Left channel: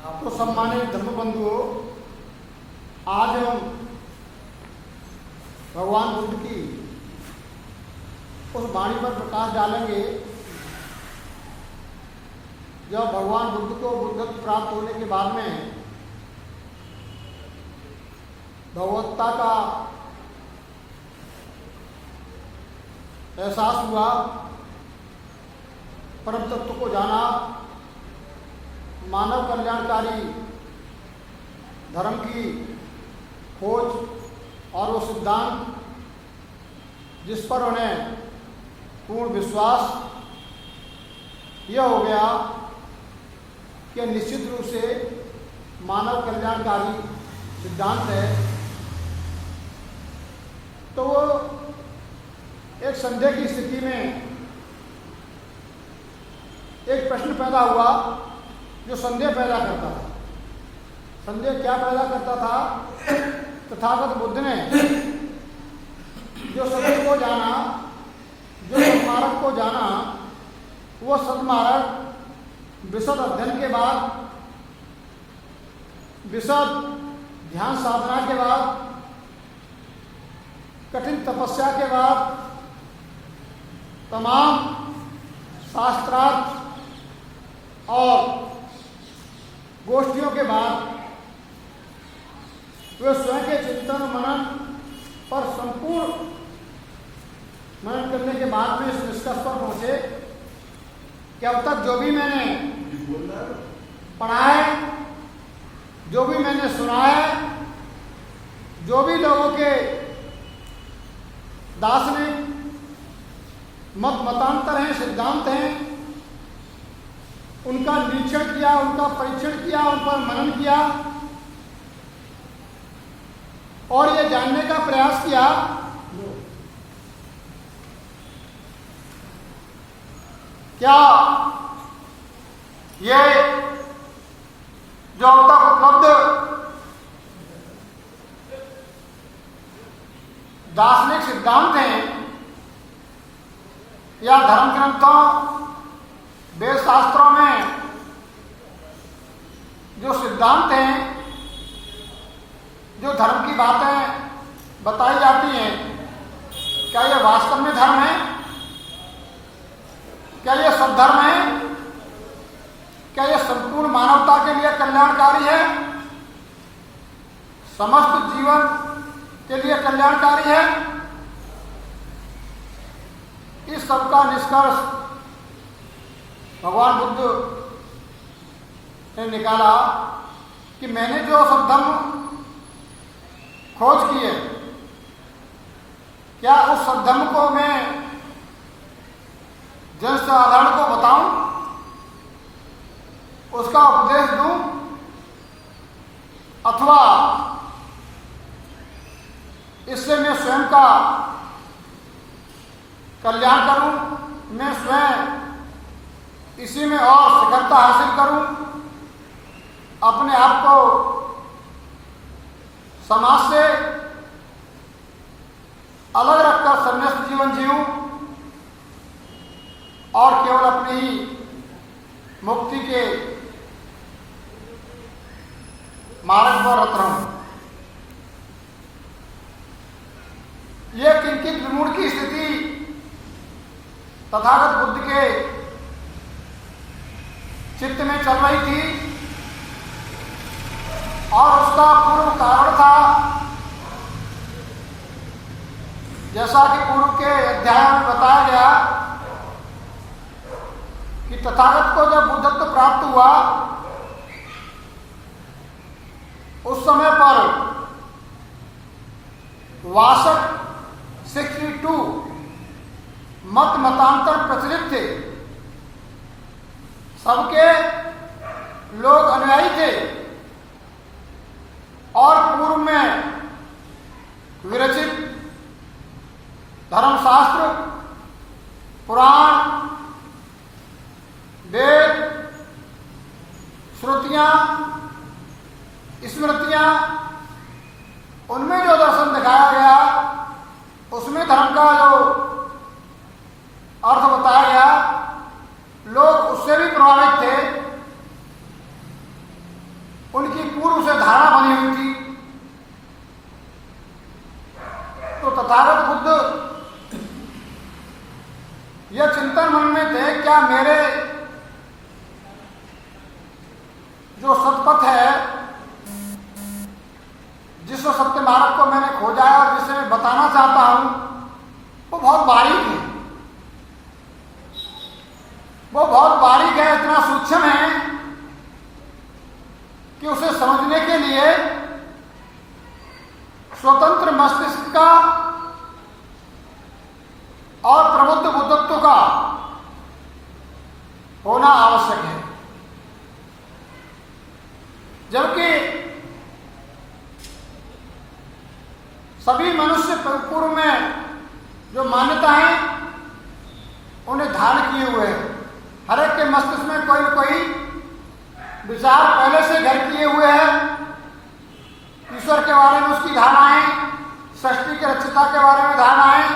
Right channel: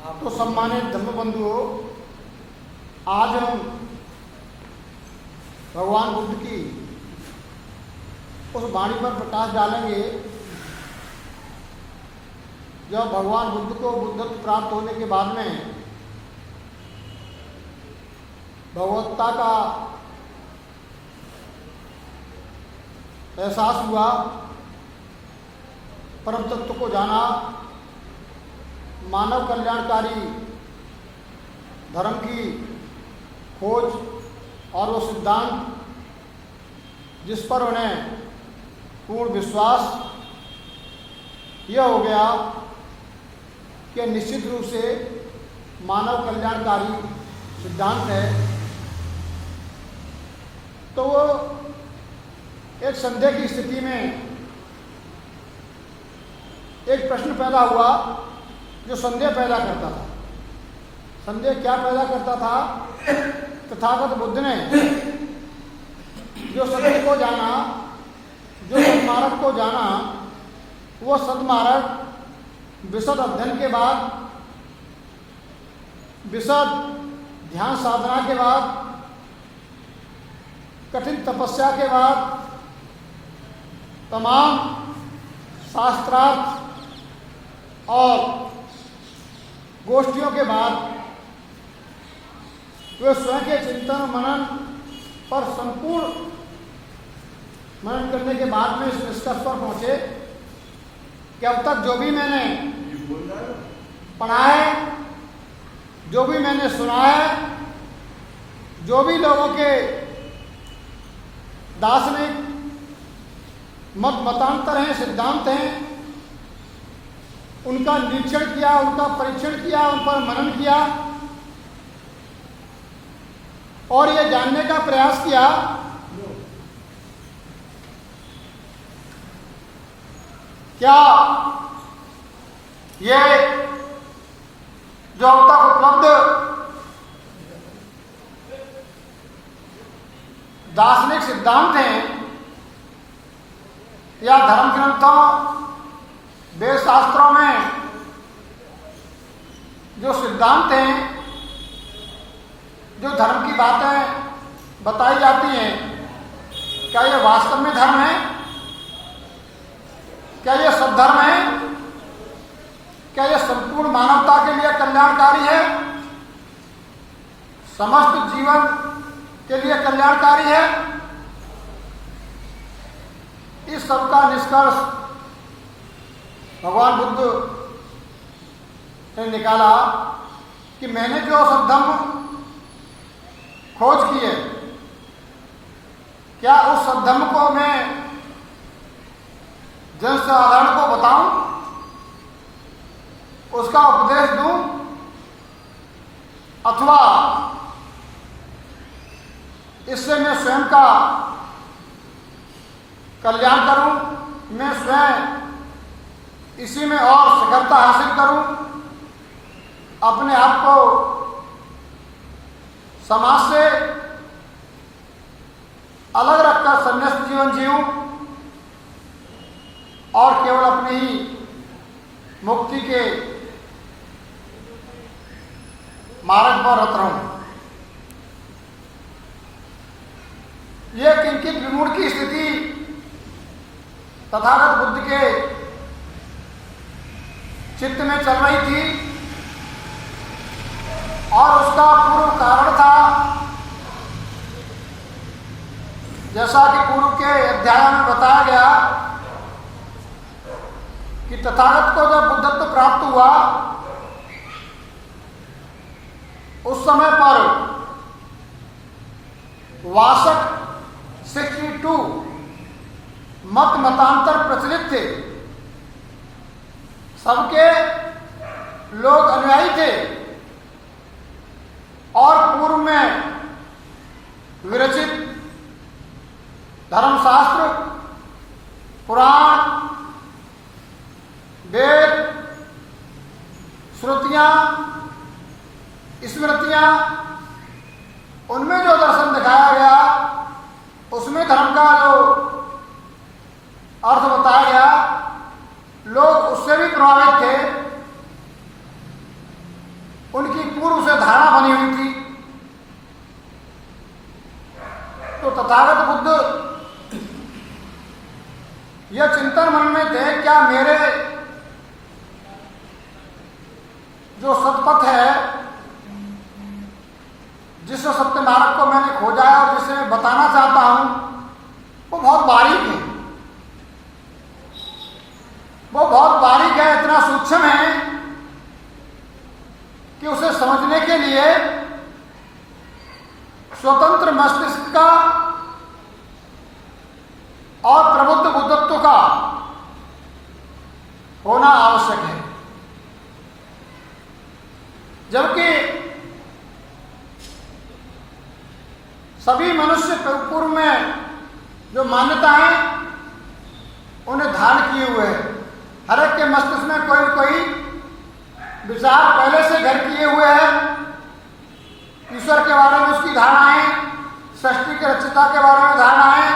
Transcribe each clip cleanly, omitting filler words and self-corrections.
तो सम्मानित धर्मबंधुओं, आज हम भगवान बुद्ध की उस वाणी पर प्रकाश डालेंगे जब भगवान बुद्ध को बुद्धत्व प्राप्त होने के बाद में भगवत्ता का एहसास हुआ, परम तत्व को जाना, मानव कल्याणकारी धर्म की खोज और वो सिद्धांत जिस पर उन्हें पूर्ण विश्वास यह हो गया कि निश्चित रूप से मानव कल्याणकारी सिद्धांत है, तो वो एक संदेह की स्थिति में एक प्रश्न पैदा हुआ जो संदेह पैदा करता था। संदेह क्या पैदा करता था? तथागत बुद्ध ने जो सत्य को जाना, जो सन्मार्ग को जाना, वो सन्मार्ग विशद अध्ययन के बाद, विशद ध्यान साधना के बाद, कठिन तपस्या के बाद, तमाम शास्त्रार्थ और गोष्ठियों के बाद वे स्वयं के चिंतन मनन पर संपूर्ण मनन करने के बाद में इस निष्कर्ष पर पहुंचे कि अब तक जो भी मैंने पढ़ा है, जो भी मैंने सुना है, जो भी लोगों के दार्शनिक मतांतर हैं, सिद्धांत हैं, उनका निरीक्षण किया, उनका परीक्षण किया, उन पर मनन किया और ये जानने का प्रयास किया क्या ये जो अब तक उपलब्ध दार्शनिक सिद्धांत हैं या धर्म ग्रंथों, वेद शास्त्रों में जो सिद्धांत हैं, जो धर्म की बातें बताई जाती हैं, क्या ये वास्तव में धर्म है? क्या ये सद्धर्म है? क्या ये संपूर्ण मानवता के लिए कल्याणकारी है? समस्त जीवन के लिए कल्याणकारी है? इस सब का निष्कर्ष भगवान बुद्ध ने निकाला कि मैंने जो सद्धर्म खोज की है, क्या उस सद्धर्म को मैं जनसाधारण को बताऊं, उसका उपदेश दूं, अथवा इससे मैं स्वयं का कल्याण करूं, मैं स्वयं इसी में और शिखरता हासिल करूं, अपने आप को समाज से अलग रखकर संन्यास्त जीवन जीऊं और केवल अपनी ही मुक्ति के मार्ग पर रत रहूं। यह किंचित विमूढ़ की स्थिति तथागत बुद्ध के चित्त में चल रही थी और उसका पूर्व कारण था, जैसा कि पूर्व के अध्याय में बताया गया कि तथागत को जब बुद्धत्व प्राप्त हुआ उस समय पर 62 मतांतर प्रचलित थे, सबके लोग अनुयायी थे और पूर्व में विरचित धर्मशास्त्र, पुराण, वेद, श्रुतियां, स्मृतियां, उनमें जो दर्शन दिखाया गया, उसमें धर्म का जो अर्थ बताया गया, लोग उससे भी प्रभावित थे उनकी पूर्व से धारणा बनी हुई थी। तो तथागत बुद्ध यह चिंतन मन में थे, क्या मेरे जो सतपथ है, जिस सत्य मार्ग को मैंने खोजा है और जिसे मैं बताना चाहता हूं, वो बहुत बारीक है। वो बहुत बारीक है, इतना सूक्ष्म है कि उसे समझने के लिए स्वतंत्र मस्तिष्क का और प्रबुद्ध बुद्धत्व का होना आवश्यक है। जबकि सभी मनुष्य पूर्व में जो मान्यता है उन्हें धारण किए हुए हैं। हर एक के मस्तिष्क में कोई न कोई विचार पहले से घर किए हुए हैं। ईश्वर के बारे में उसकी धारणाएं, सृष्टि के रचयिता के बारे में धारणाएं,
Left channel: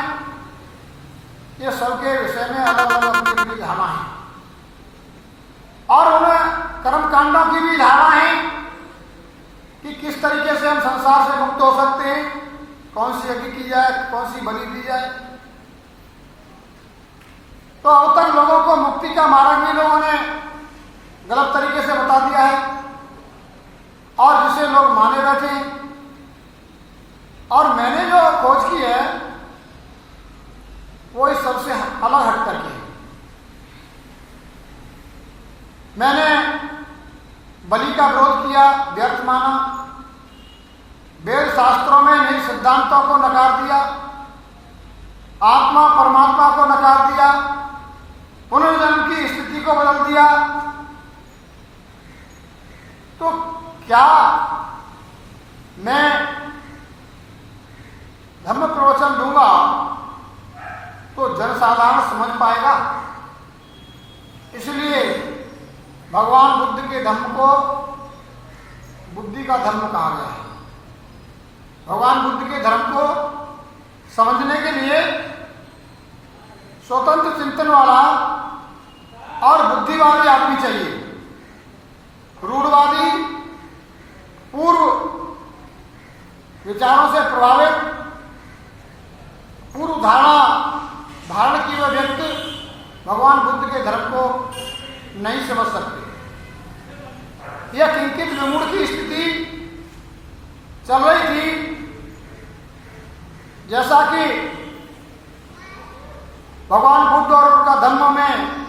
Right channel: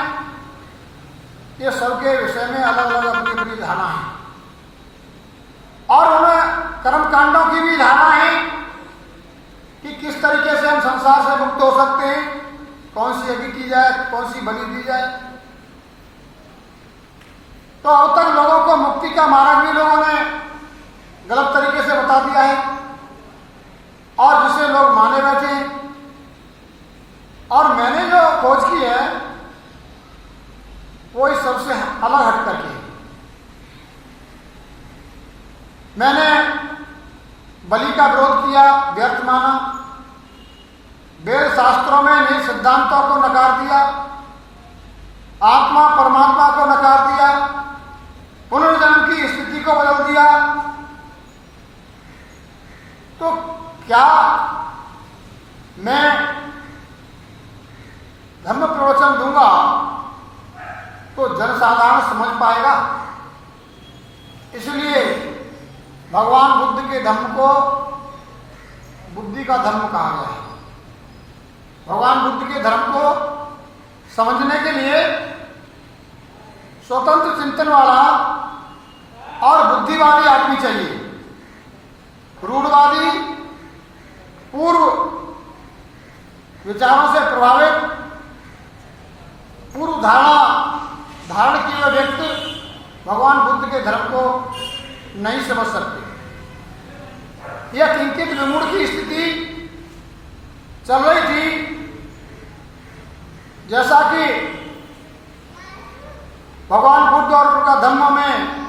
ये सबके विषय में अलग अलग अपनी अपनी धारणा है। और उन्हें कर्मकांडों की भी धारणा है कि किस तरीके से हम संसार से मुक्त हो सकते हैं, कौन सी यज्ञ की जाए, कौन सी बलि दी जाए। तो अब तक लोगों को मुक्ति का मार्ग भी लोगों ने गलत तरीके से बता दिया है और जिसे लोग माने बैठे हैं। और मैंने जो खोज की है वो इस सबसे अलग हट करके है। मैंने बलि का विरोध किया, व्यर्थ माना। वेद शास्त्रों में नए सिद्धांतों को नकार दिया, आत्मा परमात्मा को नकार दिया, पुनर्जन्म की स्थिति को बदल दिया। तो क्या मैं धर्म प्रवचन दूंगा तो जनसाधारण समझ पाएगा? इसलिए भगवान बुद्ध के धर्म को बुद्धि का धर्म कहा गया है। भगवान बुद्ध के धर्म को समझने के लिए स्वतंत्र चिंतन वाला और बुद्धिवादी आदमी चाहिए। रूढ़वादी, पूर्व विचारों से प्रभावित, पूर्व धारण किए हुए व्यक्ति भगवान बुद्ध के धर्म को नहीं समझ सकते। यह किंचित विमूढ़ की स्थिति चल रही थी, जैसा कि भगवान बुद्ध और उनका धर्म में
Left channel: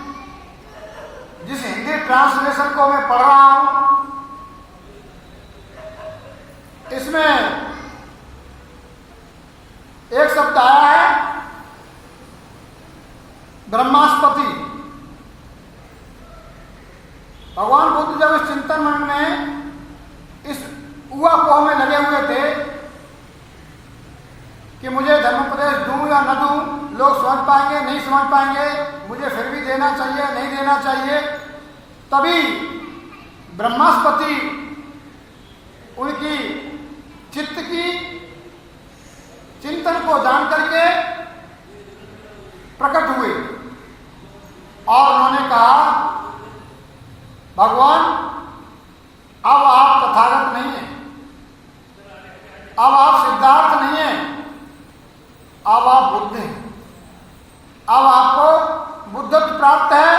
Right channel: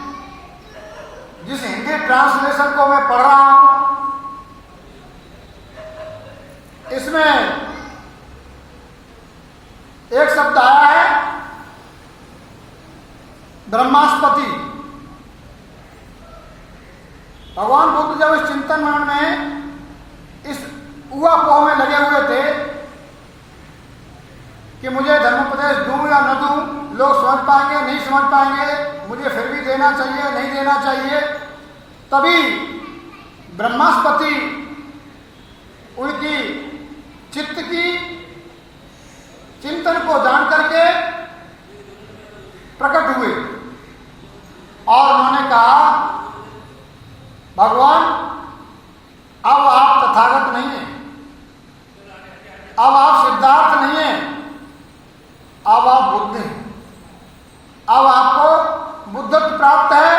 जिस हिंदी ट्रांसलेशन को मैं पढ़ रहा हूं, इसमें एक शब्द आया है ब्रह्मास्पति। भगवान बुद्ध जब इस चिंतन मन में इस ऊहापोह में लगे हुए थे कि मुझे धर्मोपदेश दूं या न दूं, लोग समझ पाएंगे नहीं समझ पाएंगे, मुझे फिर भी देना चाहिए नहीं देना चाहिए, तभी ब्रह्मास्पति उनकी चित्त की चिंतन को जान करके प्रकट हुए और उन्होंने कहा, भगवान अब आप तथागत नहीं हैं, अब आप सिद्धार्थ नहीं हैं, अब आप बुद्ध हैं। अब आपको बुद्धत्व प्राप्त है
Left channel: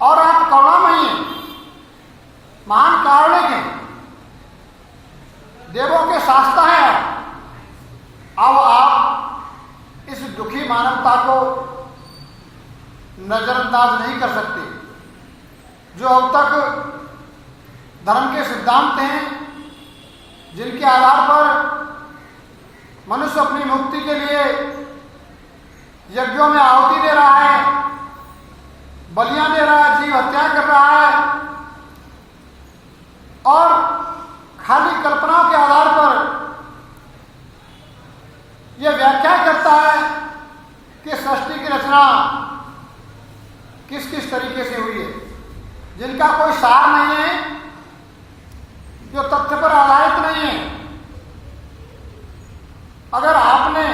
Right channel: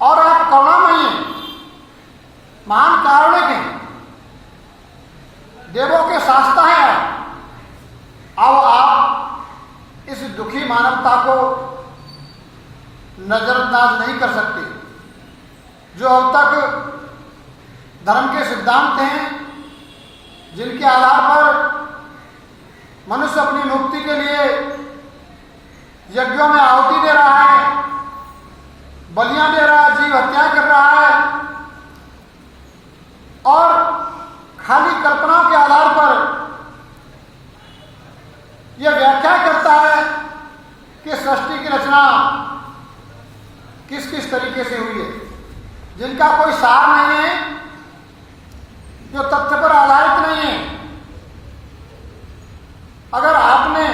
और आप करुणामयी हैं, महान कारुणिक हैं, देवों के शास्ता हैं। अब आप इस दुखी मानवता को नजरअंदाज नहीं कर सकते, जो अब तक धर्म के सिद्धांत हैं, जिनके आधार पर मनुष्य अपनी मुक्ति के लिए यज्ञों में आहुति दे रहा है, बलियां दे रहा है, जीव हत्या कर रहा है और खाली कल्पनाओं के आधार पर यह व्याख्या करता है कि सृष्टि की रचना किस किस तरीके से हुई है, जिनका कोई सार नहीं है, जो तथ्य पर आधारित नहीं है। अगर आपने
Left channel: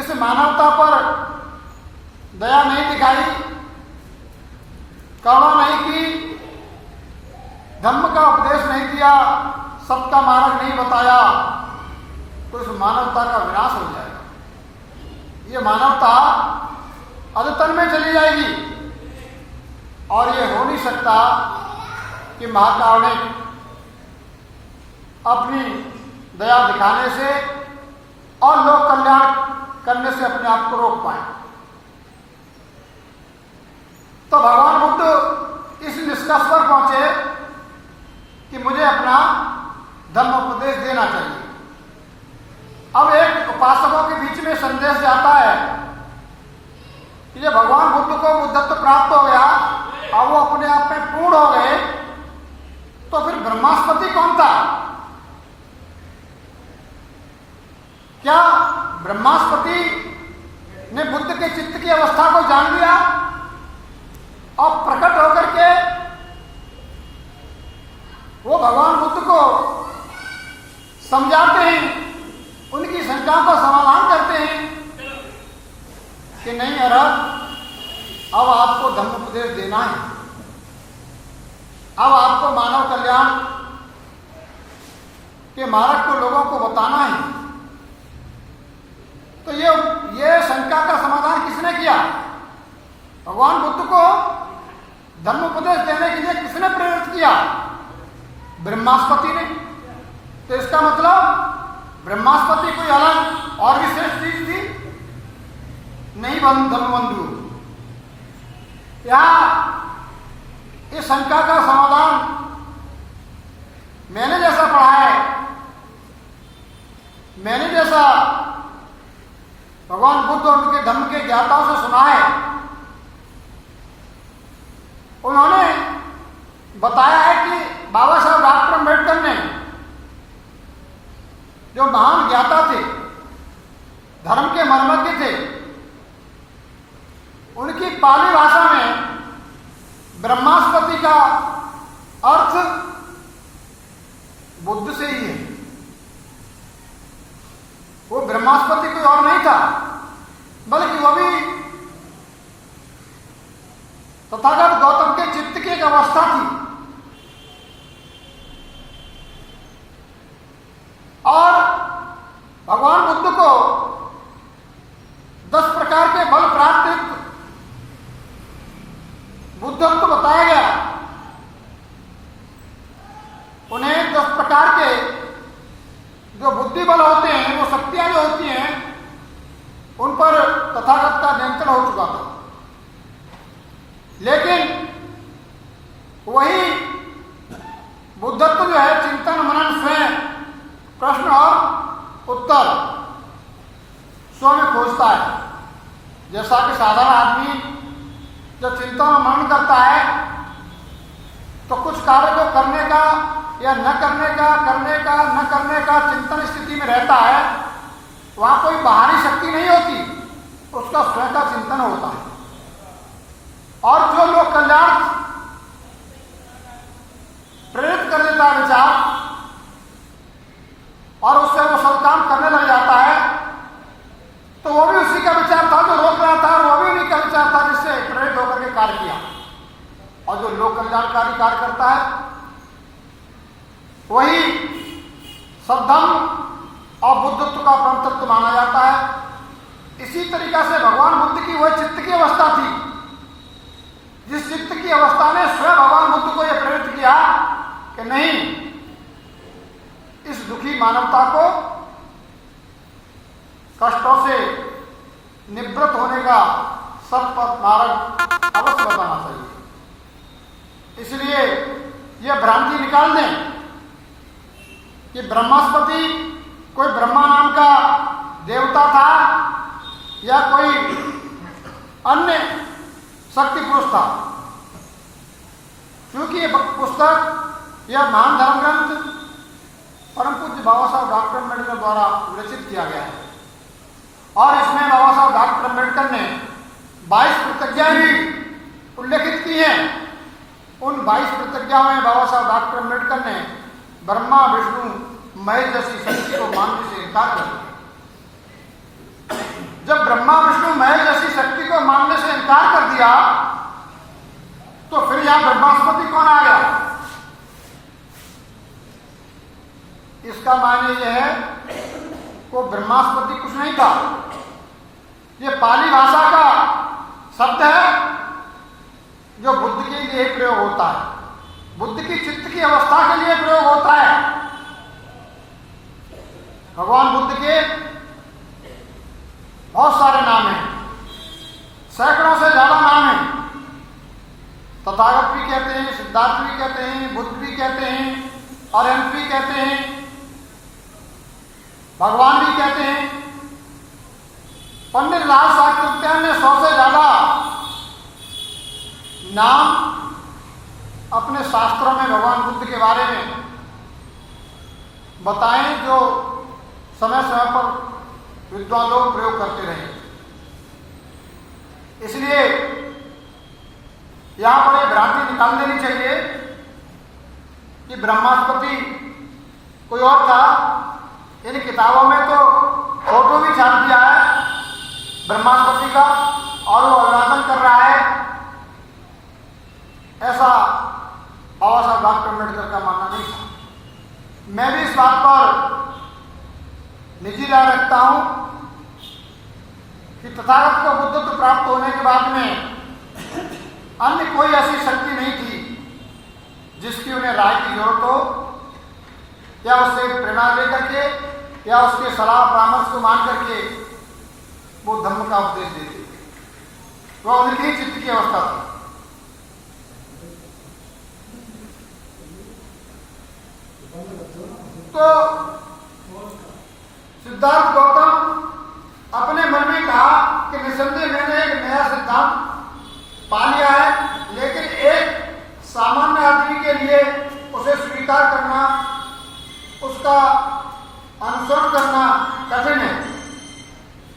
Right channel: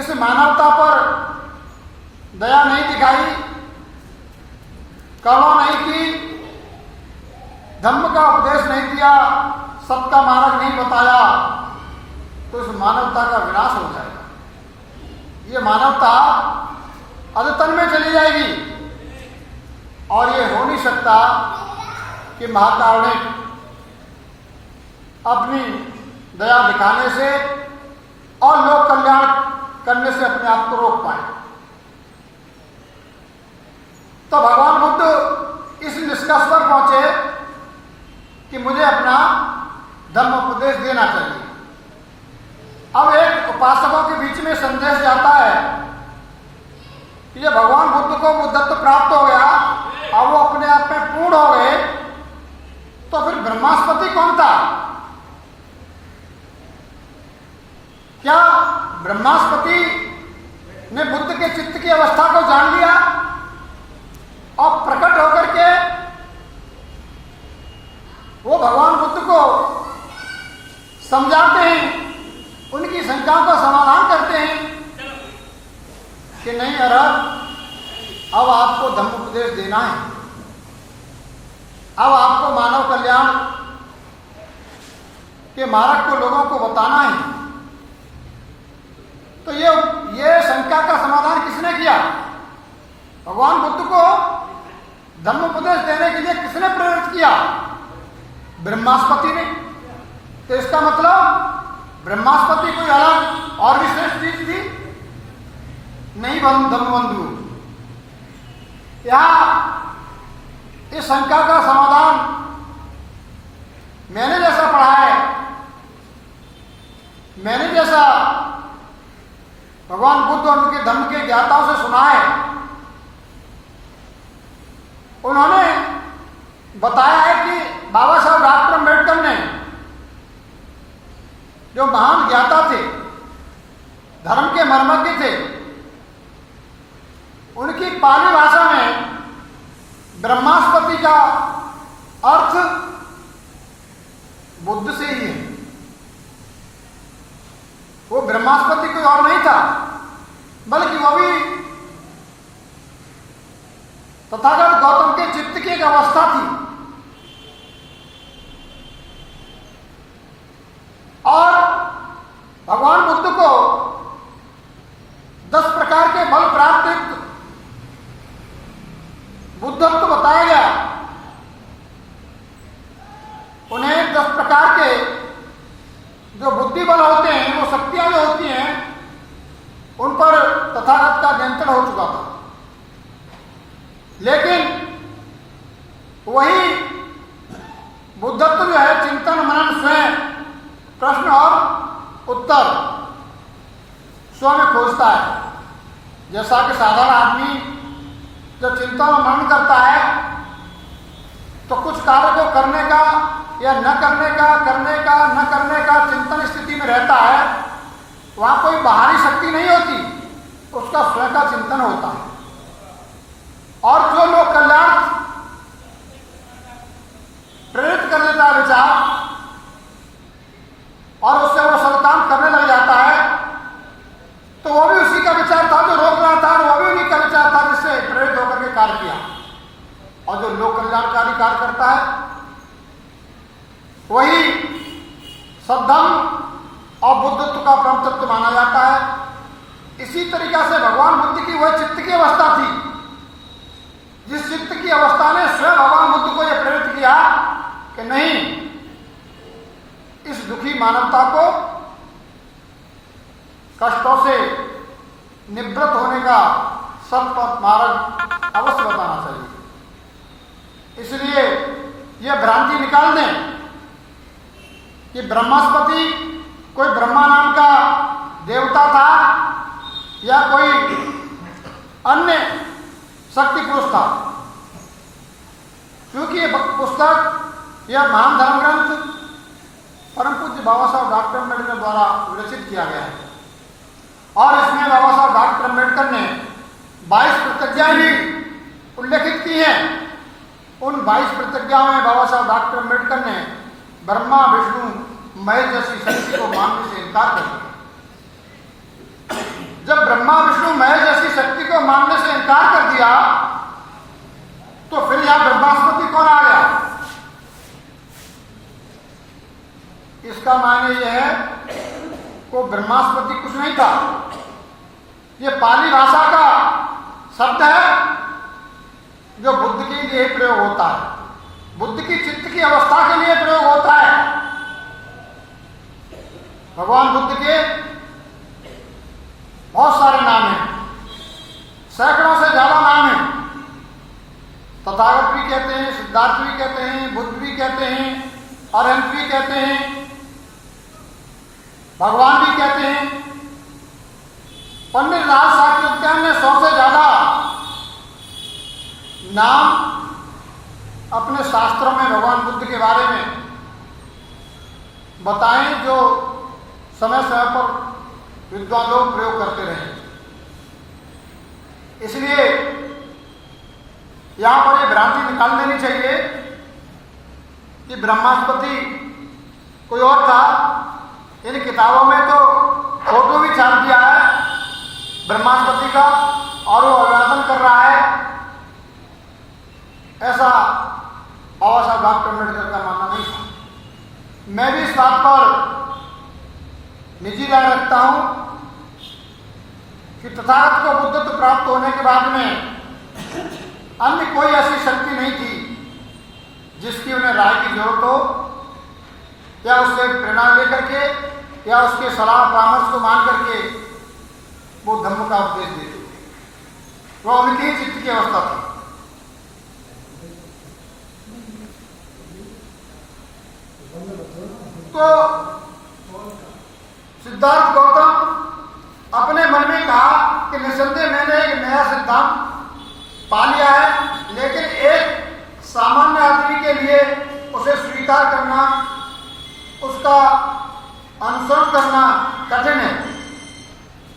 इस मानवता पर दया नहीं दिखाई, करुणा नहीं की, धम्म का उपदेश नहीं दिया, सत्य का मार्ग नहीं बताया, तो इस मानवता का विनाश हो जाएगा। ये मानवता अधतन में चली जाएगी। और ये हो नहीं सकता कि महाकारुणिक अपनी दया दिखाने से और लोक कल्याण करने से अपने आप को रोक पाए। तो भगवान बुद्ध इस निष्कर्ष पर पहुंचे कि मुझे अपना धम्म उपदेश देना चाहिए। अब एक उपासकों के बीच में संदेश जाता है कि जब भगवान बुद्ध को बुद्धत्व प्राप्त हो गया, अब वो अपने आप में पूर्ण हो गए, तो फिर ब्रह्मास्पति कौन था? क्या ब्रह्मास्पति ने बुद्ध के चित्त की अवस्था को जान लिया और प्रकट होकर के वो भगवान बुद्ध को समझाते हैं, उनकी शंकाओं का समाधान करते हैं कि नहीं अरहत, अब आपको धम्म उपदेश देना है, अब आपको मानव कल्याण के मार्ग को लोगों को बताना है। तो ये शंका का समाधान किसने किया? भगवान बुद्ध को धम्म उपदेश देने के लिए किसने प्रेरित किया? ब्रह्मास्पति ने। तो इसका मतलब ब्रह्मास्पति कोई अलग और विशेष चीज थी? नहीं धम्मबंधु। यहां इस शंका का समाधान मैंने जैसा पढ़ा है, मैंने जैसा भगवान बुद्ध और उनके धम्म के ज्ञाताओं से सुना है, उन्होंने बताया है कि बाबा साहब डॉक्टर अम्बेडकर ने, जो महान ज्ञाता थे, धर्म के मर्मज्ञ थे, उनकी पाली भाषा में ब्रह्मास्पति का अर्थ बुद्ध से ही है। वो ब्रह्मास्पति कोई और नहीं था, बल्कि वो भी तथागत गौतम के चित्त की एक अवस्था थी। और भगवान बुद्ध को 10 प्रकार के बल प्राप्त बुद्धत्व बताया गया। उन्हें 10 प्रकार के जो बुद्धि बल होते हैं, वो शक्तियां जो होती हैं, उन पर तथागत का नियंत्रण हो चुका था। लेकिन वही बुद्धत्व जो है, चिंतन मनन स्वयं, प्रश्न और उत्तर स्वयं खोजता है। जैसा कि साधारण आदमी जब चिंतन और मनन करता है तो कुछ कार्य को करने का या न करने का, करने का न करने का चिंतन स्थिति में रहता है। वहां कोई बाहरी शक्ति नहीं होती, उसका स्वयं का चिंतन होता है। और जो लोग कल्याण प्रेरित कर देता है विचार, और उससे वो सत्काम करने लग जाता है, तो वो भी उसी का विचार था जो रोक रहा था, और वो भी उन्हीं का विचार था जिससे प्रेरित होकर के कार्य किया। और जो लोक कल्याणकारी कार्य करता है, वही सद्धम्म और बुद्धत्व का परम तत्व माना जाता है। इसी तरीका से भगवान बुद्ध की वह चित्त की अवस्था थी, जिस चित्त की अवस्था ने स्वयं भगवान बुद्ध को यह प्रेरित किया कि नहीं, इस दुखी मानवता को कष्टों से निवृत्त होने का सत्पथ मार्ग अवश्य बताना चाहिए। इसलिए यह भ्रांति निकाल दें कि ब्रह्मास्पति कोई ब्रह्मा नाम का देवता था या कोई अन्य शक्ति पुरुष था। क्योंकि यह पुस्तक, यह महान धर्म ग्रंथ परम पूज्य बाबा साहब डॉक्टर अम्बेडकर द्वारा विरचित किया गया है, और इसमें बाबा साहब डॉक्टर अम्बेडकर ने 22 प्रतिज्ञाएं भी उल्लेखित की हैं। उन 22 प्रतिज्ञाओं में बाबा साहब डॉक्टर अम्बेडकर ने ब्रह्मा विष्णु महेश जैसी शक्ति को मानने से इनकार कर दिया। जब ब्रह्मा विष्णु महेश जैसी शक्ति को मानने से इनकार कर दिया, तो फिर यहां ब्रह्मास्पति कौन आ गया? इसका मायने यह है को ब्रह्मास्पति कुछ नहीं था। ये पाली भाषा का शब्द है जो बुद्ध के लिए प्रयोग होता है, बुद्ध की चित्त की अवस्था के लिए प्रयोग होता है। भगवान बुद्ध के बहुत सारे नाम हैं, सैकड़ों से ज्यादा नाम हैं। तथागत भी कहते हैं, सिद्धार्थ भी कहते हैं, बुद्ध भी कहते हैं, अरहंत भी कहते हैं, भगवान भी कहते हैं। पंडित लाल साक्षात्कार ने 100 से ज्यादा नाम अपने शास्त्रों में भगवान बुद्ध के बारे में बताएं, जो समय समय पर विद्वान लोग प्रयोग करते रहे। इसलिए यहां पर यह भ्रांति निकाल देनी चाहिए कि ब्रह्मास्पति कोई और था। इन किताबों में तो फोटो भी छाप दिया है ब्रह्मास्पति का और वो अभिवादन कर रहा है, ऐसा बाबा साहब डॉक्टर अम्बेडकर का मानना नहीं था। मैं भी इस बात पर निजी राय रखता हूं कि तथागत को बुद्धत्व प्राप्त होने के बाद में अन्य कोई ऐसी शक्ति नहीं थी जिसकी उन्हें राय की जरूरत हो, या उससे प्रेरणा लेकर के या उसके सलाह परामर्श को मान करके वो धर्म का उपदेश देते थे। वह उनकी ही चित्त की अवस्था थी। तो सिद्धार्थ गौतम अपने मन में कहा कि निसंदेह मैंने एक नया सिद्धांत पा लिया है, लेकिन एक सामान्य आदमी के लिए उसे स्वीकार करना, उसका अनुसरण करना कठिन है।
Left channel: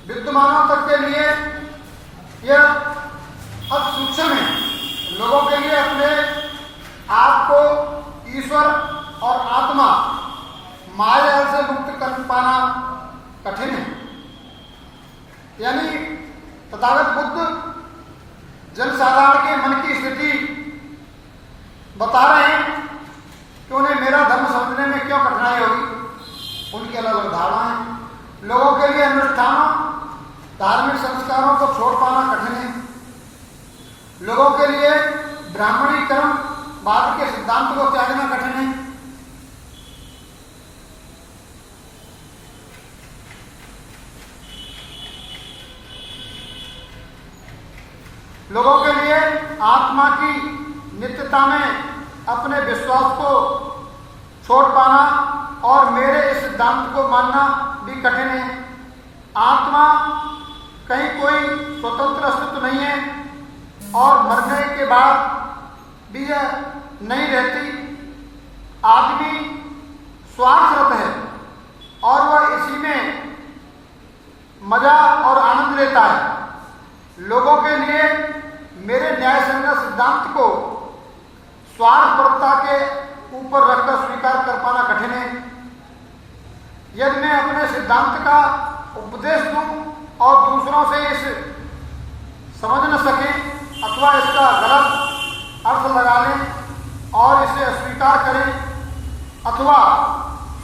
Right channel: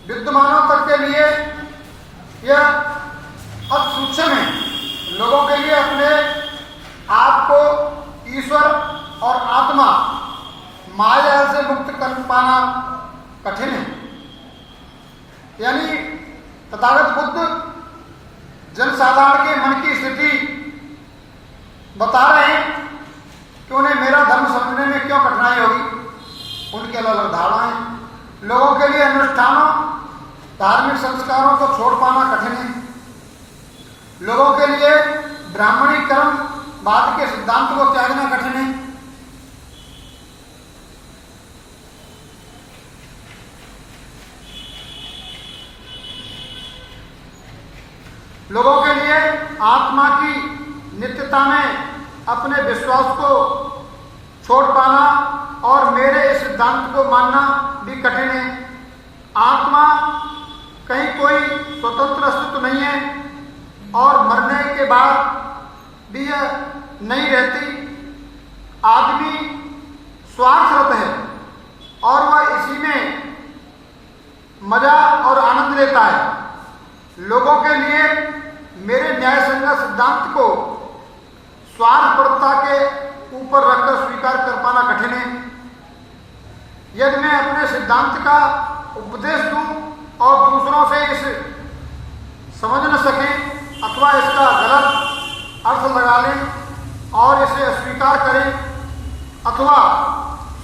विद्वानों तक के लिए यह अति सूक्ष्म है। लोगों के लिए अपने आप को ईश्वर और आत्मा माया से मुक्त कर पाना कठिन है। यानी तथागत बुद्ध जनसाधारण के मन की स्थिति बता रहे हैं कि उन्हें मेरा धर्म समझने में क्यों कठिनाई होगी। उनके अलग अलग धारणाएं। लोगों के लिए अनुष्ठानों, धार्मिक संस्कारों को छोड़ पाना कठिन है। लोगों के लिए ब्राह्मणीकरण बाद के सिद्धांत को त्यागना कठिन है। लोगों के लिए आत्मा की नित्यता में अपने विश्वास को छोड़ पाना और मेरे इस सिद्धांत को मानना भी कठिन है। आत्मा कहीं कोई स्वतंत्र अस्तित्व नहीं है और मरने के बाद भी यह नहीं रहती। आदमी स्वार्थरत है और वह इसी में मजा और आनंद लेता है। लोगों के लिए मेरे न्याय संगत सिद्धांत को स्वार्थपरता के ऊपर रखकर स्वीकार कर पाना कठिन है। यदि मैं अपने सिद्धांत का उपदेश दूं और दूसरों से इस समझ न सके अथवा इसका गलत अर्थ लगा लें और इसे अस्वीकार करें अथवा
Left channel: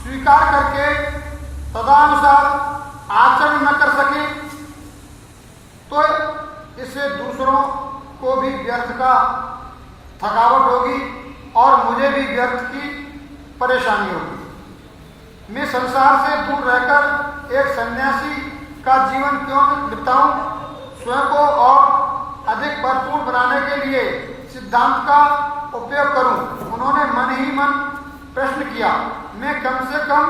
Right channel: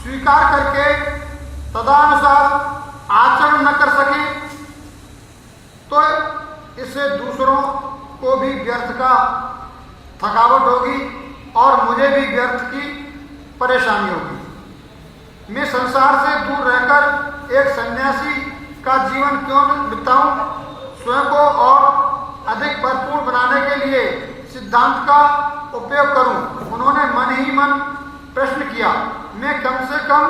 स्वीकार करके तदनुसार आचरण न कर सके, तो इससे दूसरों को भी व्यर्थ का थकावट होगी और मुझे भी व्यर्थ की परेशानी होगी। मैं संसार से दूर रहकर एक सन्यासी का जीवन क्यों बिताऊं? स्वयं को और अधिक भरपूर बनाने के लिए सिद्धांत का उपयोग करूं। उन्होंने मन ही मन प्रश्न किया, मैं कम से कम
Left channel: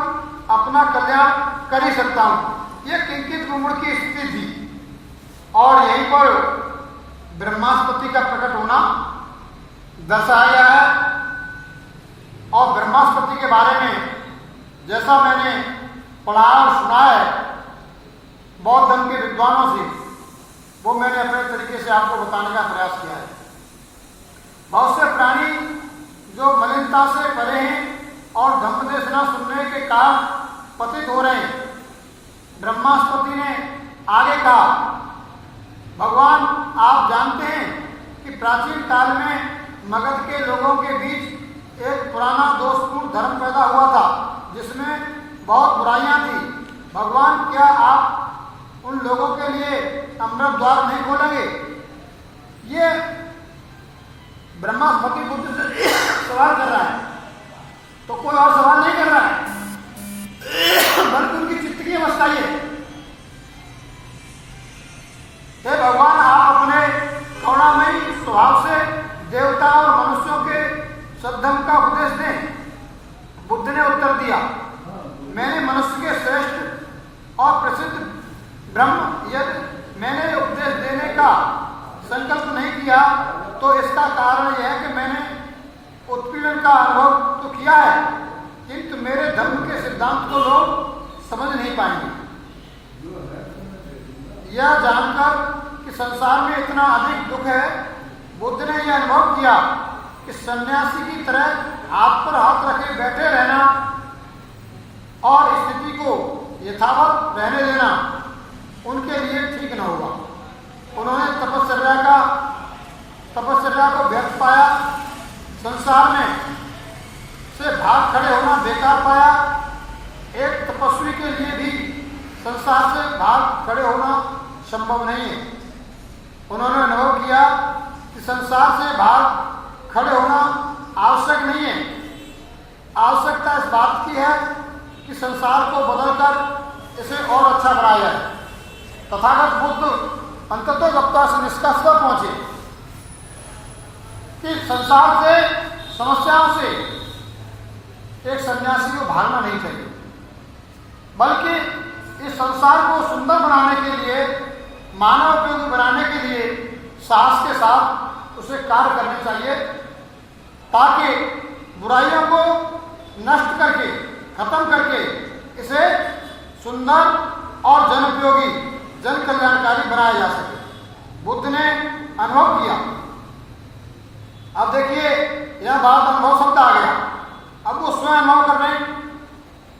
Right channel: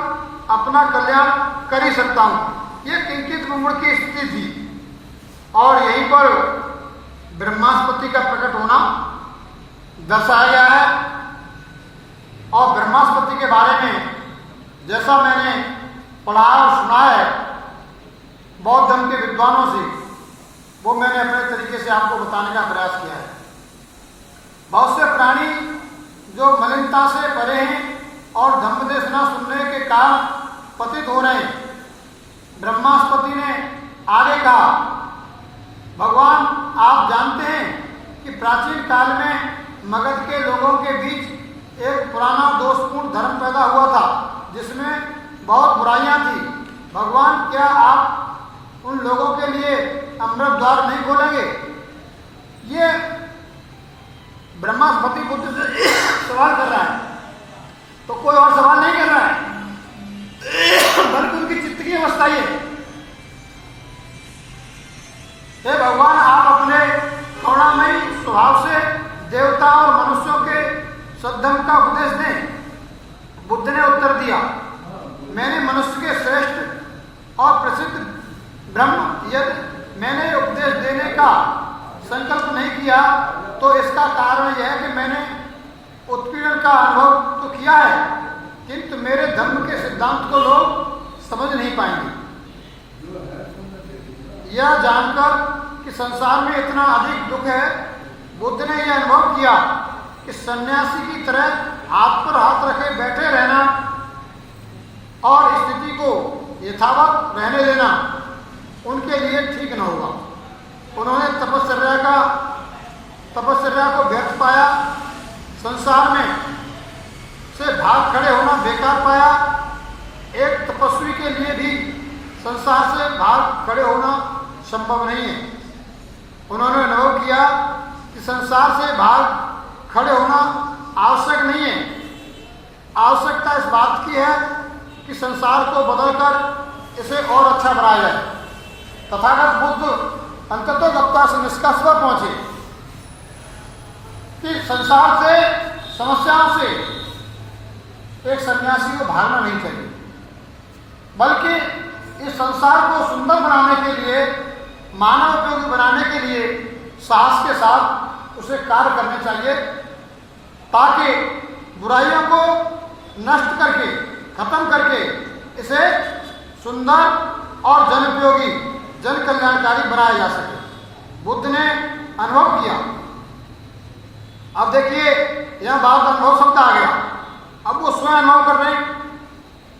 अपना कल्याण कर ही सकता हूं। यह किंचित मुमुड़ की स्थिति थी और यहीं पर ब्रह्मास्पति का प्रकट होना दर्शाया गया है। और ब्रह्मास्पति के बारे में जैसा मैंने पढ़ा और सुना है बौद्ध धर्म के विद्वानों से, वो मैंने अपने तरीके से आपको बताने का प्रयास किया है। बहुत से प्राणी जो मलिनता से परे हैं और धम्मदेशना सुनने के कारण पतित हो रहे हैं। ब्रह्मास्पति ने आगे कहा, भगवान आप जानते हैं कि प्राचीन काल में मगध के लोगों के बीच एक पुराना दोषपूर्ण धर्म पैदा हुआ था जिसमें बहुत बुराइयां थी। भगवान, क्या आप उन लोगों के लिए अमृत द्वार नहीं खोलेंगे? ये ब्रह्मास्पति बुद्ध से सवाल कर रहा है, तो कोई और सवाल नहीं कर रहा है, बल्कि उनकी चित्त की अवस्था ये है। हे भगवान, आप अपने करुणामयी स्वभाव से देवता और मनुष्यों के सद्धर्म का उपदेश दें। बुद्ध ने उत्तर दिया, मैंने मनुष्य के श्रेष्ठ और प्रसिद्ध ब्रह्म यदि मैंने उपदेश देने का संकल्प नहीं किया तो इसका कारण यह है कि मैंने उत्पीड़न का अनुभव तो किया है, किंतु मेरे धर्म के सिद्धांत को लोग समझ नहीं पाएंगे। यह जानकर कि संसार में इतना अधिक दुख है, बुद्ध ने यह अनुभव किया कि सन्यासी की तरह हाथ पर हाथ रखे बैठे रहना और स्थिति को यथावत रहने देना उनके लिए ठीक न होगा। उन्होंने तपस्या को व्यर्थ पाया, संसार में से भाग खड़े होना बेकार पाया। एक तपस्वी के लिए भी संसार से भाग खड़े होना संभव नहीं है। उन्होंने अनुभव किया कि संसार से भाग खड़े होना आवश्यक नहीं है। आवश्यकता इस बात की है कि संसार को बदलकर इसे और अच्छा बनाया जाए। तथागत बुद्ध अंततोगत्वा से निष्कर्ष पर पहुंचे कि संसार से, समस्याओं से एक सन्यासी को भागना नहीं चाहिए, बल्कि इस संसार को सुंदर बनाने के लिए, मानव उपयोगी बनाने के लिए साहस के साथ उसे कार्य करने चाहिए, ताकि बुराइयों को नष्ट करके, खत्म करके इसे सुंदर और जन उपयोगी, जन कल्याणकारी बनाया जा सके। बुद्ध ने अनुभव किया। अब देखिए, यह बात अनुभव शब्द आ गया। अब वो स्वयं अनुभव कर रहे हैं।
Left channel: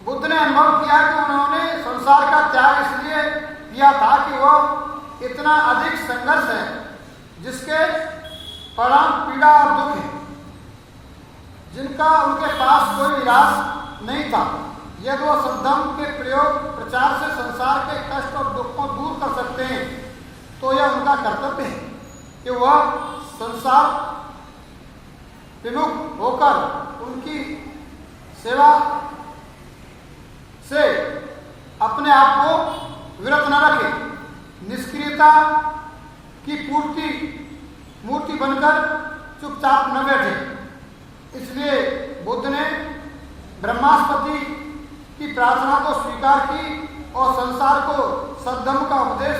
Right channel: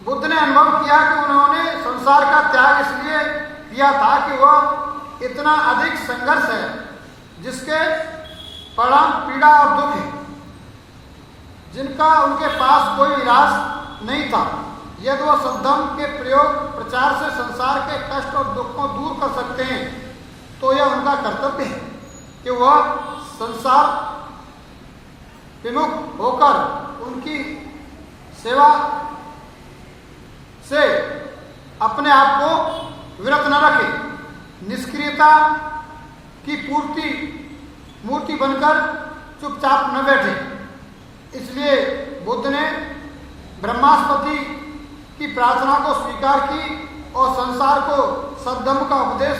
बुद्ध ने अनुभव किया कि उन्होंने संसार का त्याग इसलिए किया था कि वह इतना अधिक संघर्ष है जिसके परिणाम पीड़ा और दुख है, जिनका उनके पास कोई इलाज नहीं था। यदि वह सद्धर्म के प्रचार से संसार के कष्ट और दुख को दूर कर सकते हैं तो यह उनका कर्तव्य है कि वह संसार विमुख होकर उनकी सेवा से अपने आप को विरत न रखे, निष्क्रियता की मूर्ति बनकर चुपचाप न बैठे। इसलिए बुद्ध ने ब्रह्मास्पति की प्रार्थना को स्वीकार की और संसार को सद्धर्म का उपदेश